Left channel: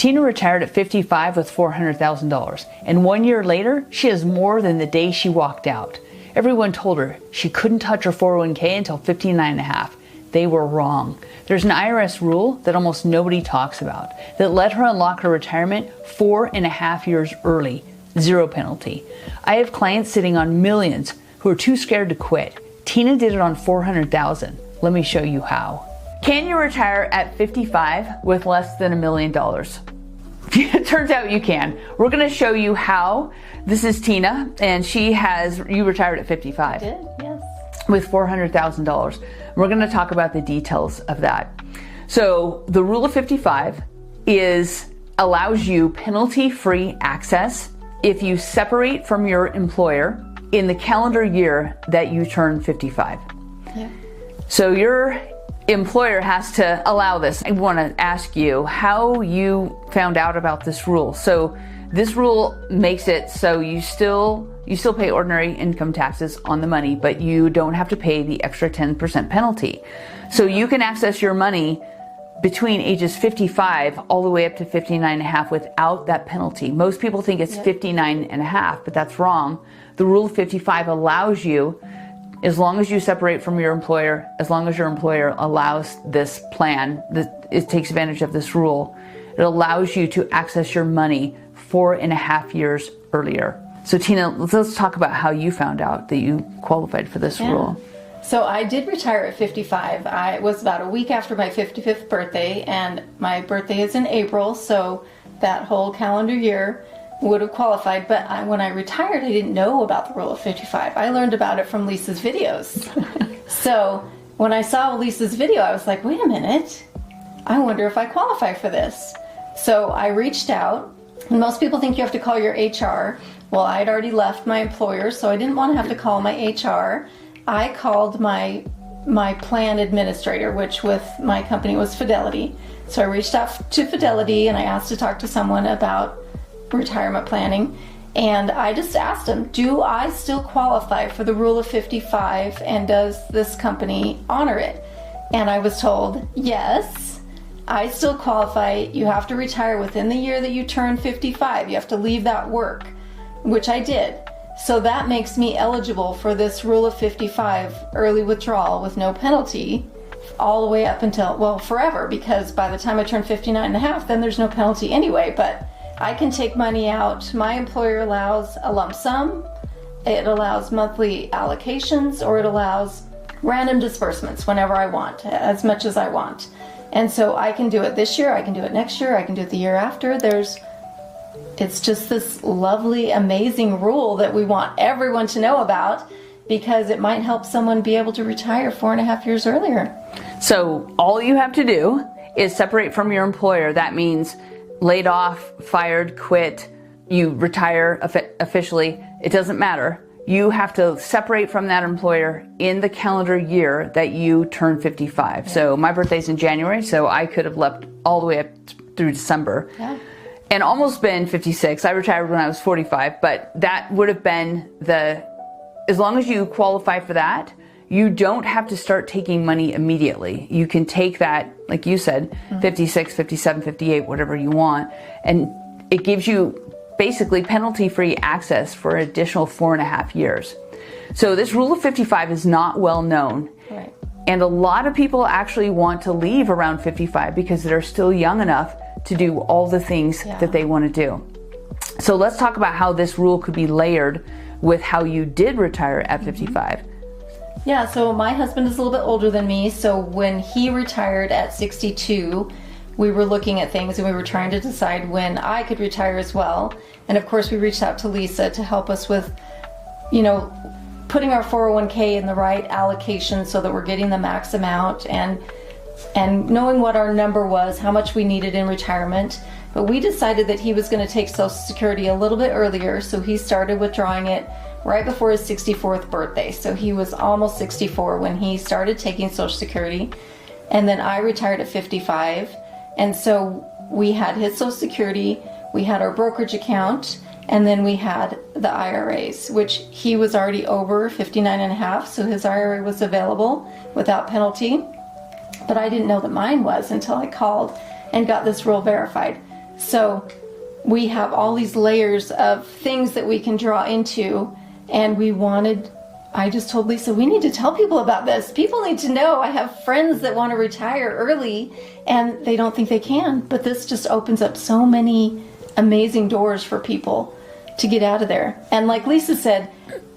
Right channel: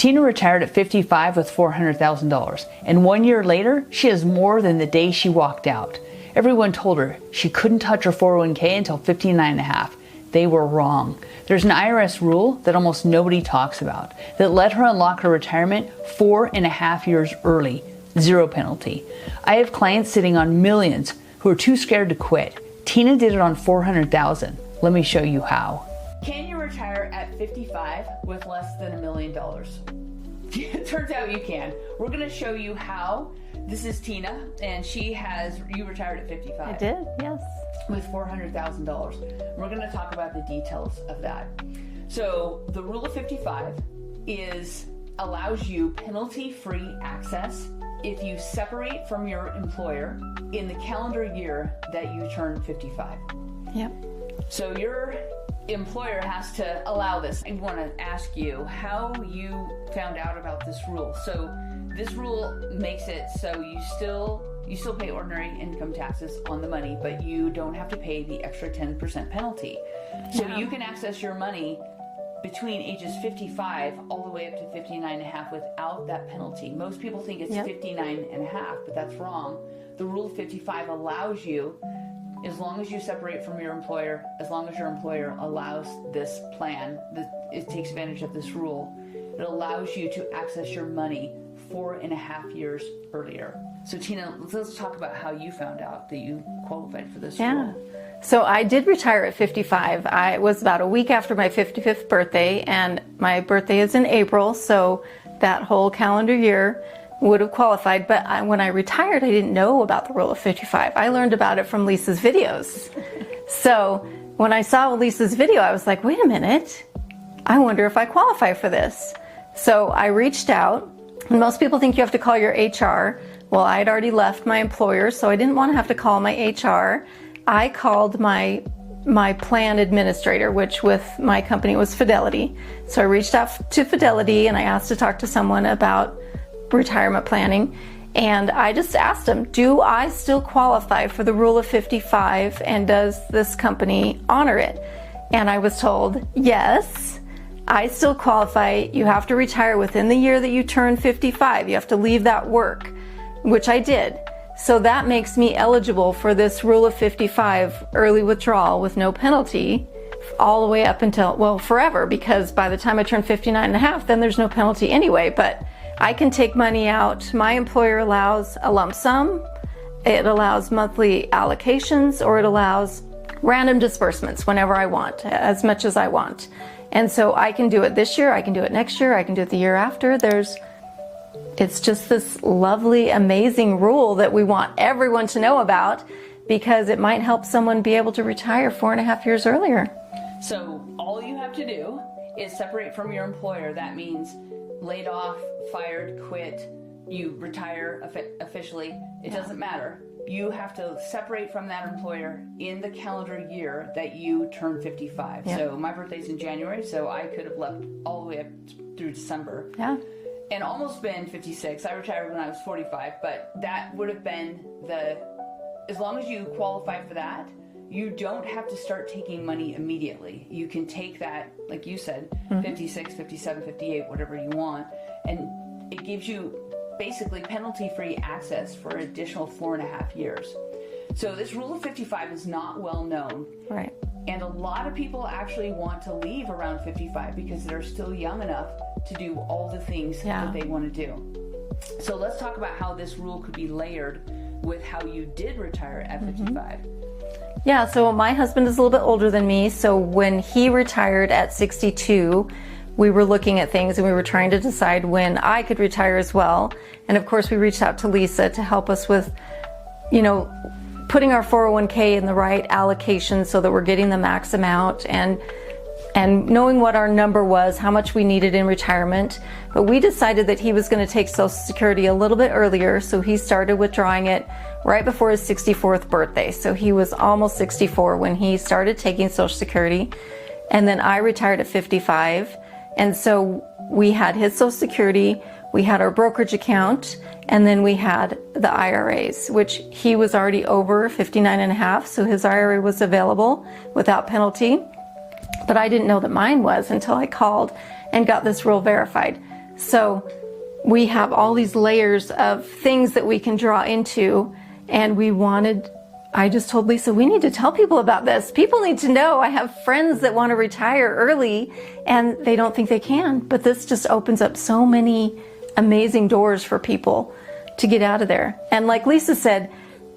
Tina retired at 55 with $400,000, and 1 year later, she has more than the day she walked out. Everyone told her she couldn't touch her 401k until 59 and a half. They were wrong. There's an IRS rule that almost nobody talks about that let her unlock her retirement 4.5 years early, zero penalty. I have clients sitting on millions who are too scared to quit. Tina did it on 400,000. Let me show you how. Can you retire at 55 with less than $1 million? It turns out you can. We're going to show you how. This is Tina, and you retired at 55. I did, yes. With $400,000. We're going to talk about the details of that. So the rule of 55 allows you penalty-free access if you separate from your employer in the calendar year that you turn 55. Yep. So your employer has to allow this. I want to ask you how you found out about this rule. So this rule makes it so you still pay ordinary income taxes on the money, but you don't have to pay the extra 10% penalty. So you can access your money between ages 55 all the way up to 59 and a half without that penalty. Most people think it's 59 and a half, but that's wrong. The rule of 55 allows you, as long as you separate from your employer, as long as your employer allows this plan, it takes advantage of this rule, it allows you to access your money 4.5 years earlier. So Tina, let's talk about how you found out that you qualified for this rule. So I did retire at 55. I was about a week after my 55th birthday, and my birthday is in April, so that whole calendar year would have qualified. But when I retired, I didn't know about the rule of 55. I learned about it from Lisa's videos. So when I saw Lisa's video, I was like, wait a minute, I wonder if I qualify for this. So I reached out, and most people think you have to call your HR. Well, I had already left my employer, so I didn't want to have to call my HR. I called my plan administrator, which with my company was Fidelity. So I reached out to Fidelity and I asked to talk to someone about retirement planning. And I just asked them, do I still qualify for the rule of 55, and does this company honor it? And I was told, yes, I still qualify. You have to retire within the year that you turn 55. You have to leave that work, which I did. So that makes me eligible for this rule of 55 early withdrawal with no penalty all the way up until, well, forever, because by the time I turn 59 and a half, then there's no penalty anyway. But I can take money out. My employer allows a lump sum, it allows monthly allocations, or it allows random disbursements whenever I want, as much as I want. And so I can do it this year, I can do it next year, I can do it the year after. It's just this lovely, amazing rule that we want everyone to know about, because it might help someone be able to retire 4.5 years earlier. So all you have to do is separate from your employer. That means laid off, fired, quit, you retire officially. It doesn't matter. You have to separate from that employer in the calendar year that you turn 55. Yeah. So my birthday's in January, so I could have left all the way up through December. Yeah. And almost been 56. I retired when I was 45, but that would have been as long as you qualify for that, you don't have to start taking money immediately. You can take that, like you said, 56, 57, 58, whatever you want, and it gives you basically penalty-free access for an additional 4.5 years. So this rule of 55 is not well known. Right. And a lot of people actually want to leave around 55 because they're still young enough to do all the things that they want to do. So let's talk about how this rule could be layered with how you did retire at 55. Yeah, so my husband is a little bit older than me, so when he retired at 62, we were looking at things and we were trying to decide when I could retire as well. And of course we reached out to Lisa to help us with, putting our 401k in the right allocation so that we're getting the max amount, and knowing what our number was, how much we needed in retirement. But we decided that he was going to take Social Security a little bit earlier, so he started withdrawing it right before his 64th birthday. So he was almost 64 when he started taking Social Security. And then I retired at 55. And so we had his Social Security, we had our brokerage account, and then we had the IRAs, which he was already over 59 and a half, so his IRA was available without penalty. But I didn't know that mine was until I called and got this rule verified. So we have all these layers of things that we can draw into, and I just told Lisa, we need to tell people about this. People need to know. I have friends that want to retire early and they don't think they can, but this just opens up so many amazing doors for people to get out of there. And like Lisa said,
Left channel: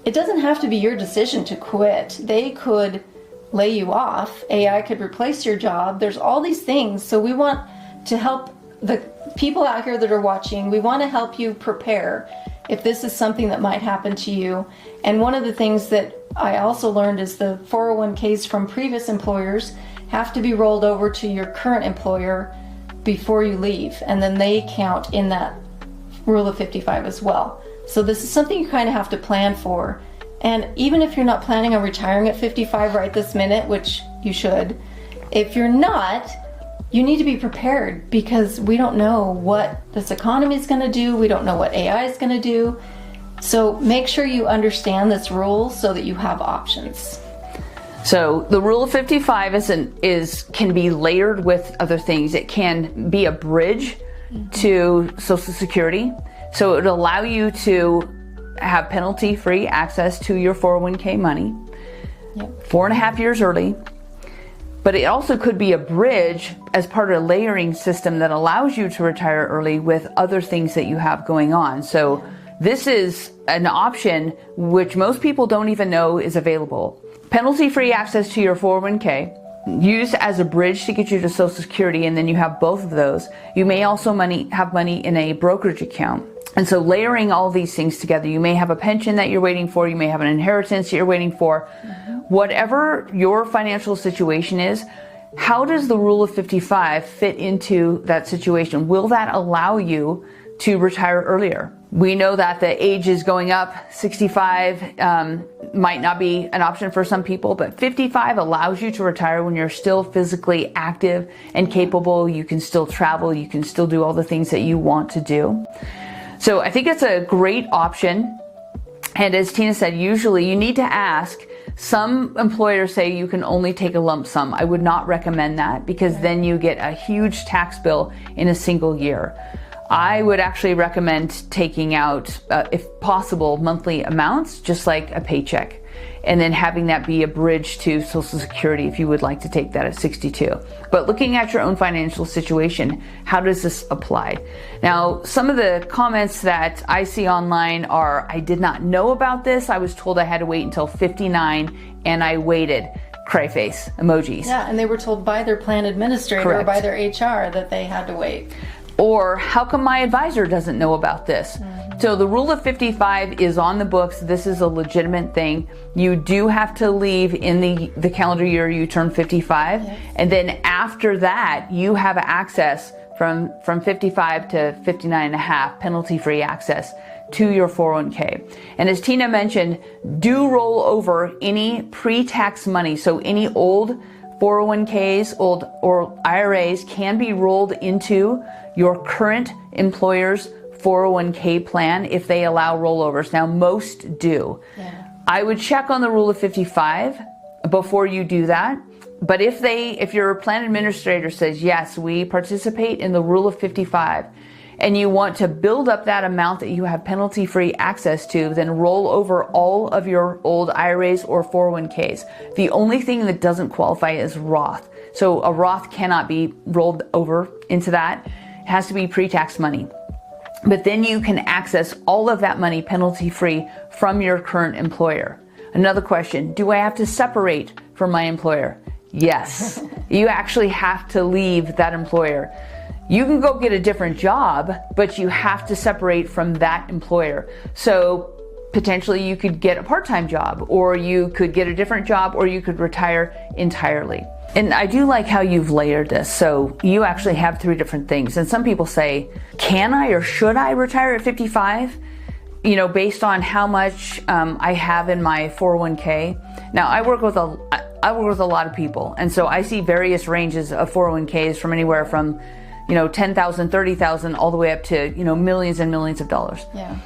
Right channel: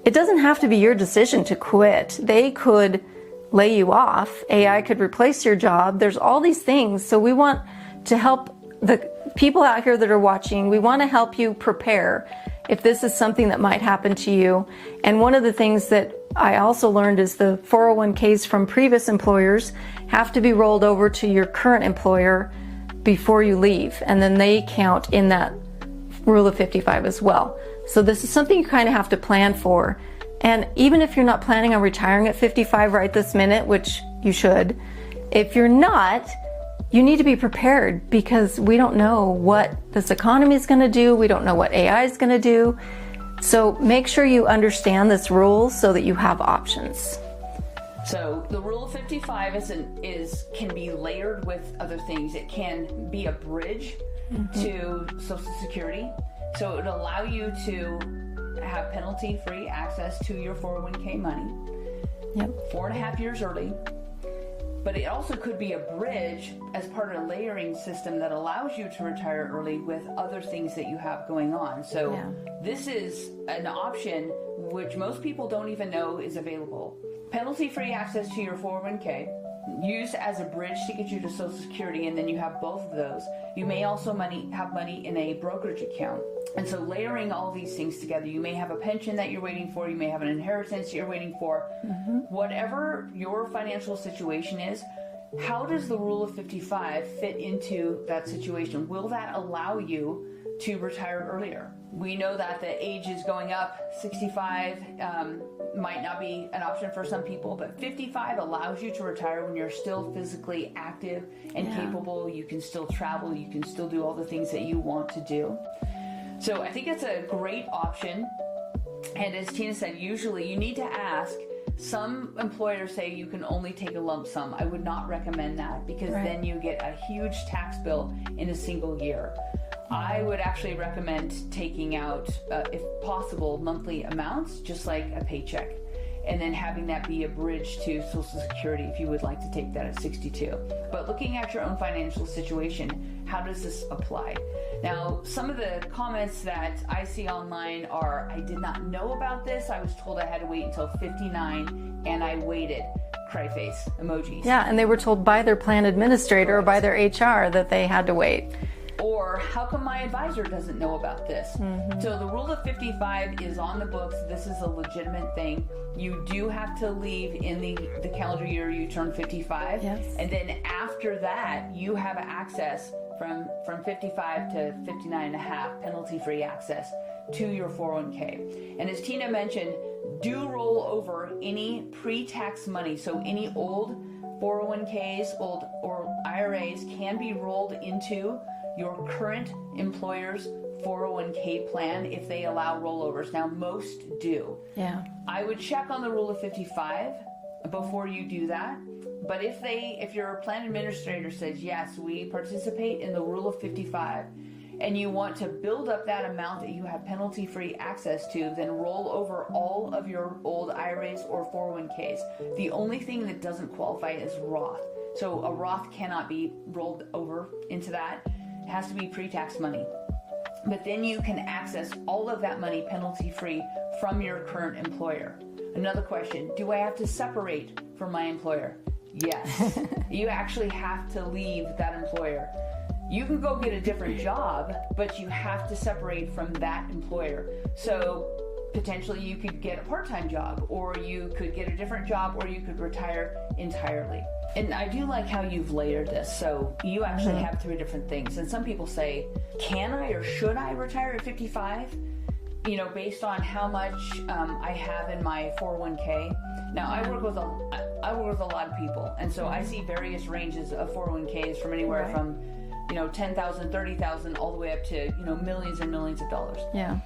it doesn't have to be your decision to quit. They could lay you off. AI could replace your job. There's all these things. So we want to help the people out here that are watching. We want to help you prepare if this is something that might happen to you. And one of the things that I also learned is the 401ks from previous employers have to be rolled over to your current employer before you leave. And then they count in that rule of 55 as well. So this is something you kind of have to plan for. And even if you're not planning on retiring at 55 right this minute, which you should, if you're not, you need to be prepared, because we don't know what this economy is going to do. We don't know what AI is going to do. So make sure you understand this rule so that you have options. So the rule of 55 can be layered with other things. It can be a bridge to Social Security. So it would allow you to have penalty-free access to your 401k money 4.5 years early. But it also could be a bridge as part of a layering system that allows you to retire early with other things that you have going on. So this is an option which most people don't even know is available. Penalty-free access to your 401k, used as a bridge to get you to Social Security, and then you have both of those. You may also have money in a brokerage account. And so layering all these things together, you may have a pension that you're waiting for, you may have an inheritance that you're waiting for. Whatever your financial situation is, how does the rule of 55 fit into that situation? Will that allow you to retire earlier? We know that the age is going up. 65 might not be an option for some people, but 55 allows you to retire when you're still physically active and capable. You can still travel, you can still do all the things that you want to do. So I think it's a great option. And as Tina said, usually you need to ask. Some employers say you can only take a lump sum. I would not recommend that, because then you get a huge tax bill in a single year. I would actually recommend taking out, if possible, monthly amounts, just like a paycheck, and then having that be a bridge to Social Security if you would like to take that at 62. But looking at your own financial situation, how does this apply? Now, some of the comments that I see online are, I did not know about this. I was told I had to wait until 59 and I waited. Cry face emojis. Yeah, and they were told by their plan administrator or by their HR that they had to wait. Or how come my advisor doesn't know about this? So the rule of 55 is on the books. This is a legitimate thing. You do have to leave in the calendar year you turn 55. And then after that, you have access from 55 to 59 and a half, penalty-free access to your 401k. And as Tina mentioned, do roll over any pre-tax money. So any old 401ks, old or IRAs can be rolled into your current employer's 401k plan if they allow rollovers. Now, most do. I would check on the rule of 55 before you do that. But if your plan administrator says, yes, we participate in the rule of 55, and you want to build up that amount that you have penalty-free access to, then roll over all of your old IRAs or 401ks. The only thing that doesn't qualify is Roth. So a Roth cannot be rolled over into that. It has to be pre-tax money. But then you can access all of that money penalty-free from your current employer. Another question, do I have to separate from my employer? Yes. You actually have to leave that employer. You can go get a different job, but you have to separate from that employer. So potentially you could get a part-time job, or you could get a different job, or you could retire entirely. And I do like how you've layered this. So you actually have 3 different things. And some people say, can I or should I retire at 55? You know, based on how much I have in my 401k. Now, I work with a lot of people. And so I see various ranges of 401ks from anywhere from, $10,000, $30,000, all the way up to, millions and millions of dollars. Yeah.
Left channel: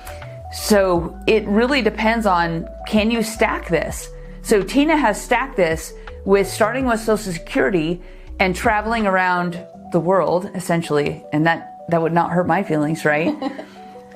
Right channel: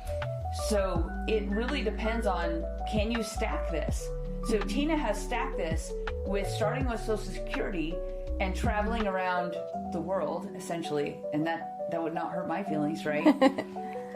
So it really depends on, can you stack this? So Tina has stacked this with starting with Social Security and traveling around the world, essentially, and that that would not hurt my feelings, right?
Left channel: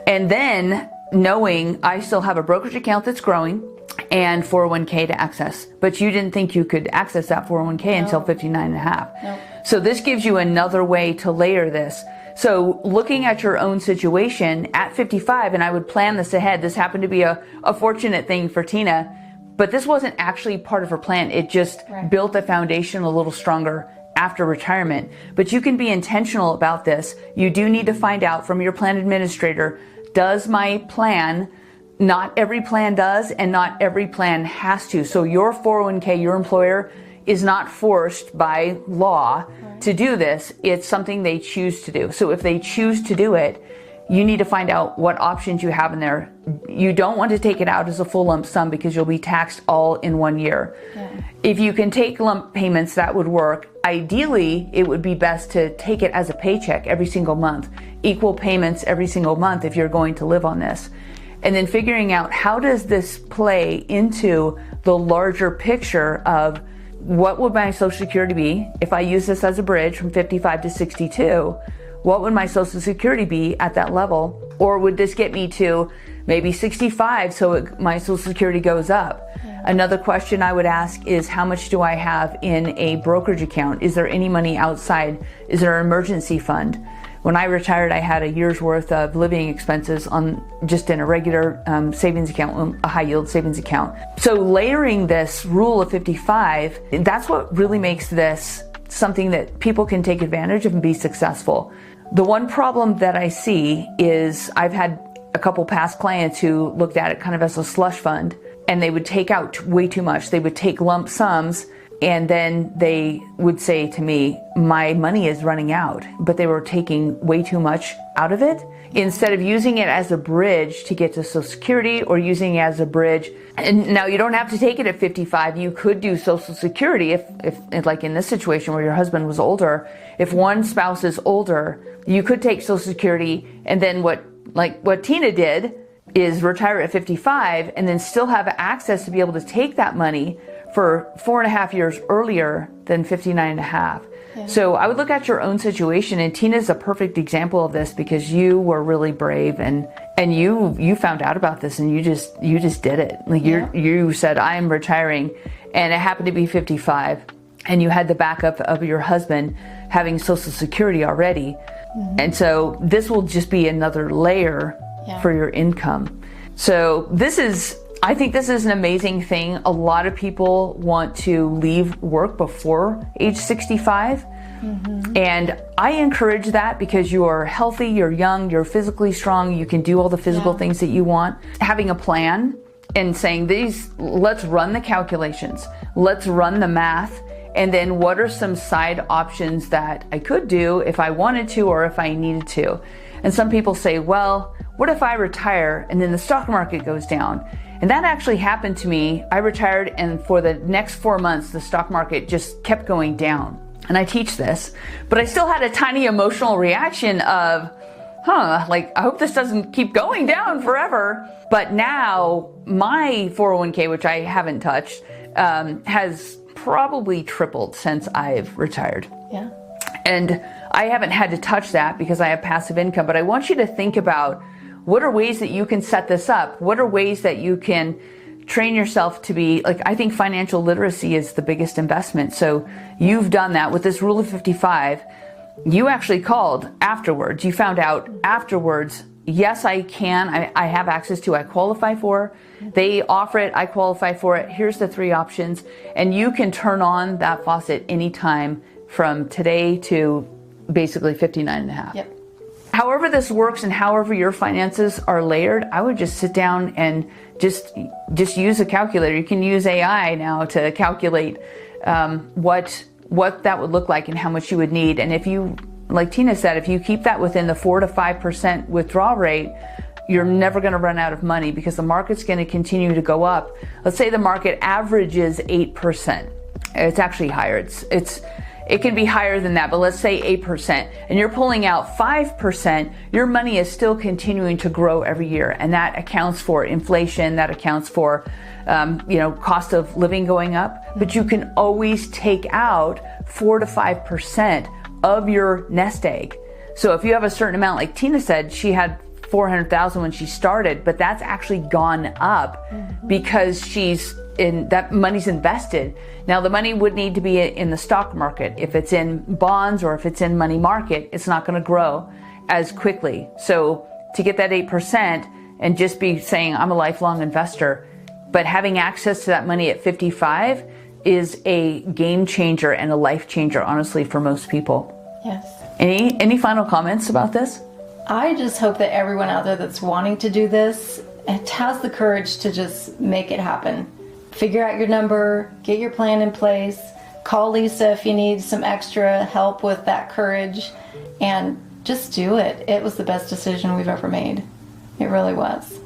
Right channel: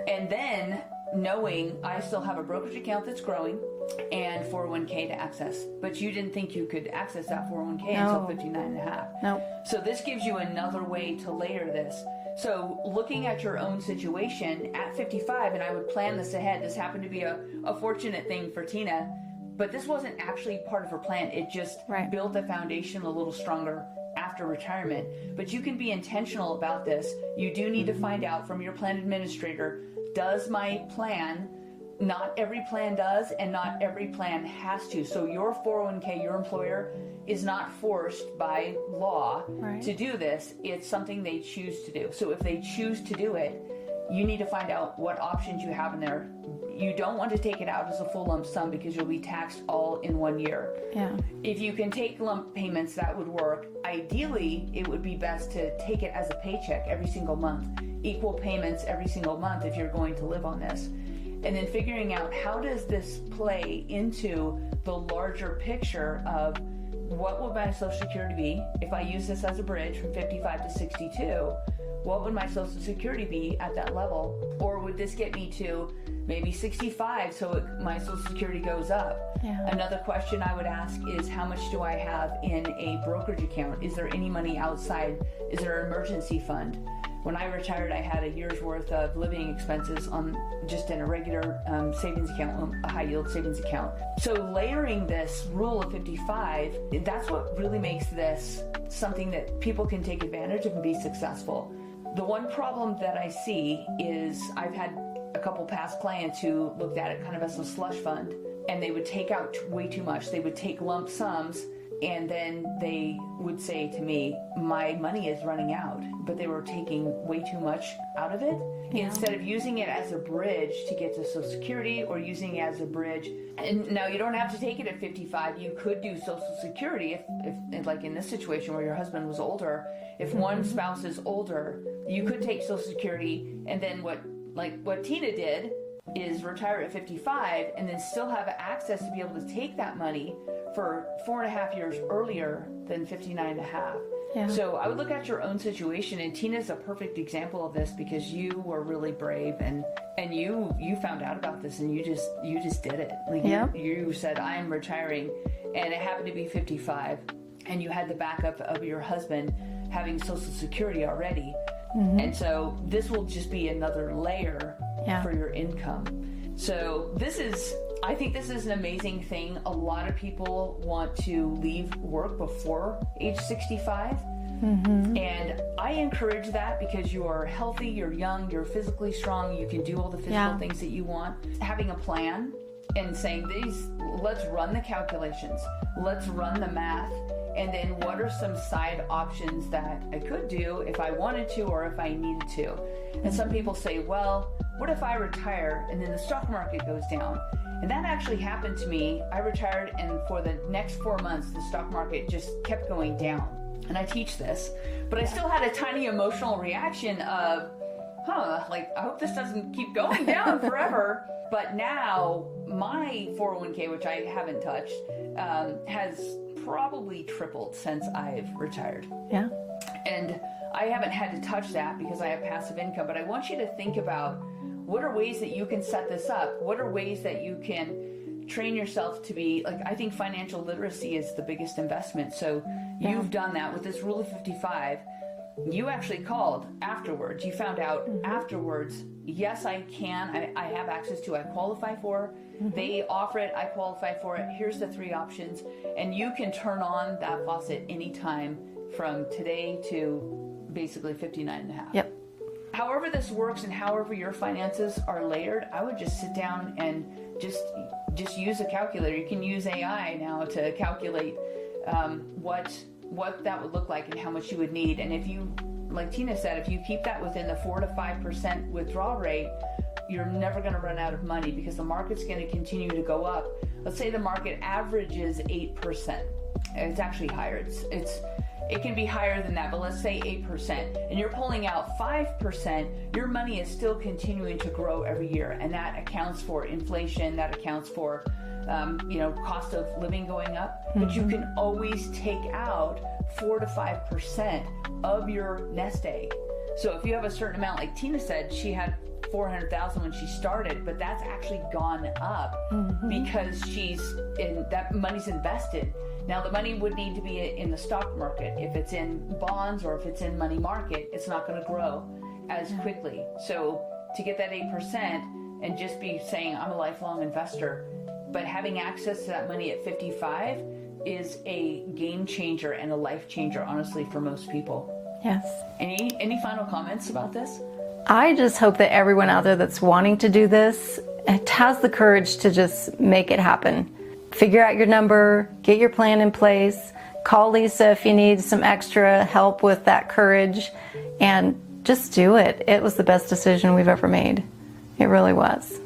And then knowing I still have a brokerage account that's growing and 401k to access, but you didn't think you could access that 401k until 59 and a half. No. So this gives you another way to layer this. So looking at your own situation at 55, and I would plan this ahead. This happened to be a fortunate thing for Tina, but this wasn't actually part of her plan. It just built the foundation a little stronger after retirement. But you can be intentional about this. You do need to find out from your plan administrator, does my plan, not every plan does, and not every plan has to. So your 401k, your employer, is not forced by law to do this. It's something they choose to do. So if they choose to do it, you need to find out what options you have in there. You don't want to take it out as a full lump sum because you'll be taxed all in 1 year. Yeah. If you can take lump payments, that would work. Ideally, it would be best to take it as a paycheck every single month, equal payments every single month if you're going to live on this. And then figuring out, how does this play into the larger picture of what would my Social Security be if I use this as a bridge from 55 to 62? What would my Social Security be at that level? Or would this get me to maybe 65 so my Social Security goes up? Yeah. Another question I would ask is, how much do I have in a brokerage account? Is there any money outside? Is there an emergency fund? When I retired, I had a year's worth of living expenses on just in a regular savings account, a high yield savings account. So layering this rule of 55, that's what really makes this something that people can take advantage of and be successful. The one problem that I see is I've had a couple past clients who looked at it kind of as a slush fund, and they would take out way too much. They would take lump sums, and then they would say to me, my money is running out, but they were taking way too much out of it. Instead of using it as a bridge to get to Social Security, or using it as a bridge, and now you don't have to take it at 55, you could do Social Security if like in this situation where your husband was older, if one spouse is older, you could take Social Security, and then what Tina did is retire at 55 and then still have access to be able to take that money for 4.5 years earlier than 59 and a half. Yeah. So I would look at your own situation, and Tina's a perfect example of this because you were really brave and you found out about this and you just did it. Like you said, I am retiring, and it happened to be 55, and you had the backup of your husband having Social Security already. Mm-hmm. And so this will just be another layer for your income. So I think this is an amazing thing. A lot of people want to leave work before age 65. Mm-hmm. And I encourage that because you are healthy, you're young, you're physically strong, you can do all the physical things that you want. Having a plan and saying let's run the calculations, let's run the math, and then what are some side options that I could do if I wanted to or if I needed to. And some people say, well, what if I retire and then the stock market goes down? And that actually happened to me. I retired, and for the next 4 months, the stock market just kept going down. And I teach this, but I still had a tiny emotional reaction of, I hope this doesn't keep going down forever. But now my 401k, which I haven't touched, has probably tripled since I've retired. Yeah. And I haven't had to touch that because I have passive income, but I want you to think about, what are ways that you can set this up? What are ways that you can train yourself to be, I think financial literacy is the biggest investment. So you've done that with this rule of 55. You actually called afterwards. You found out afterwards, yes, I can. I have access to, I qualify for. They offer it, I qualify for it. Here's the 3 options. And you can turn on that faucet anytime from today to basically 59 and a half. Yep. However this works and however your finances are layered, I would just sit down and just use a calculator. You can use AI now to calculate what that would look like and how much you would need. And if you, like Tina said, if you keep that within the 4 to 5% withdrawal rate, you're never going to run out of money because the market's going to continue to go up. Let's say the market averages 8%. It's actually higher. It can be higher than that, but let's say 8%, and you're pulling out 5%, your money is still continuing to grow every year. And that accounts for inflation, that accounts for, cost of living going up, but you can always take out 4 to 5% of your nest egg. So if you have a certain amount, like Tina said, she had 400,000 when she started, but that's actually gone up because that money's invested. Now the money would need to be in the stock market. If it's in bonds or if it's in money market, it's not going to grow as quickly. So to get that 8% and just be saying I'm a lifelong investor, but having access to that money at 55 is a game changer and a life changer, honestly, for most people. Yes. Any final comments about this? I just hope that everyone out there that's wanting to do this has the courage to just make it happen. Figure out your number, get your plan in place, call Lisa if you need some extra help with that courage, and just do it. It was the best decision we've ever made. It really was.